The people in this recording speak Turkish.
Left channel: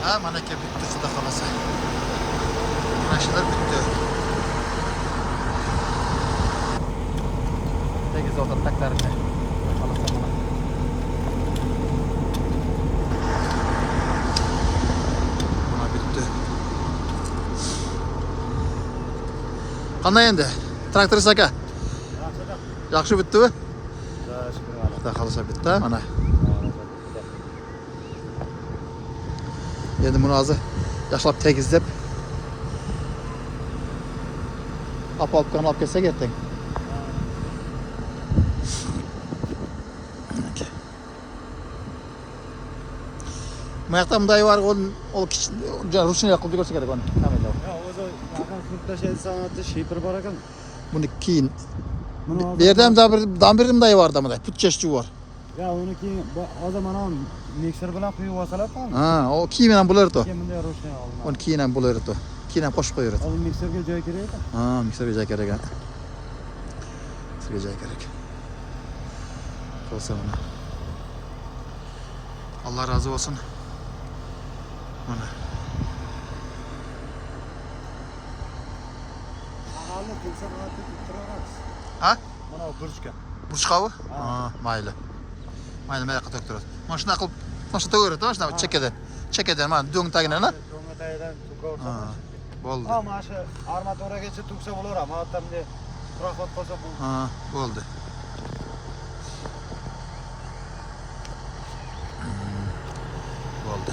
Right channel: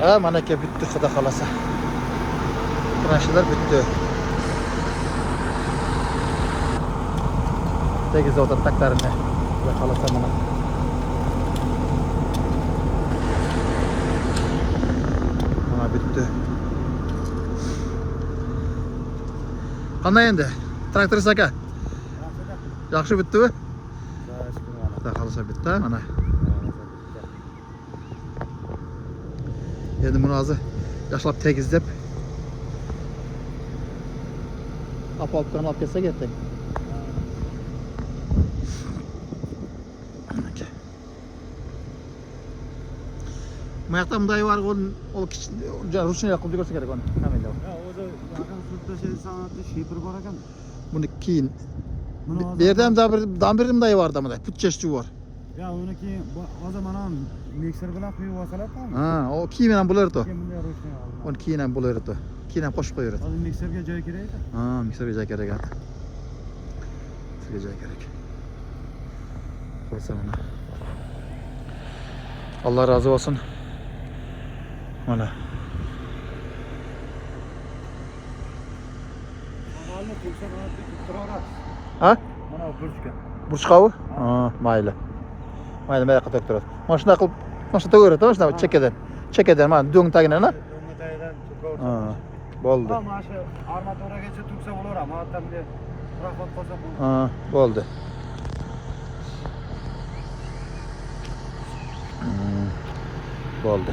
Ha, mana ke bitti xudo xolasa. Tranşalar bitti. Tegiz o'tirtaklarni. Xudo xolasa mana. Mana bitti. Qanday endi? Traktorist aka. Yaxshi bitdimi? Xudo xolasa bitti mana. Endi buni hozir yaxshilab tegizlab olib kelsak ertaga. Bu yoqda bunday var, o ruchniy qilib ko'rsa kerak uni. Ta'minlab. O'zi yaqin sirtlashay san'ati shipir bor ekan. Buni keyin bu yerda ham dambirimday vardı bunday, putchashchi bor. Ya uni keyin hozir mana mikser bilan quyib olsalar-ku. Ha, o keyin ham bo'lardi. Keyin bunday ruchniy olinadi. Uni keyin ham bo'lardi. Keyin ham qo'shib qo'yardi. Hozir mikserga joy kerak ekan. Ha, mikserga joy kerak. Mikserga joy kerak. Qolsa buni. Allah razı olsun. Mana. Mahalni tursa soatda turarasiz. Ha? Mana burchka. Burchqavi? Ha, mayli. Mayli, mayli qilib turadi. Mana shunday qilib, mana shu to'g'ri, mana shu chekkadan. Chekkadan mana do'ng tagidan. Do'ng tagidan tursa. Ha, bo'ldi. Mana shu armaturagacha tursa bo'laveradi. Mana bunday quraqlab qolsa bu. Ha, bo'ldi. Bo'ldi.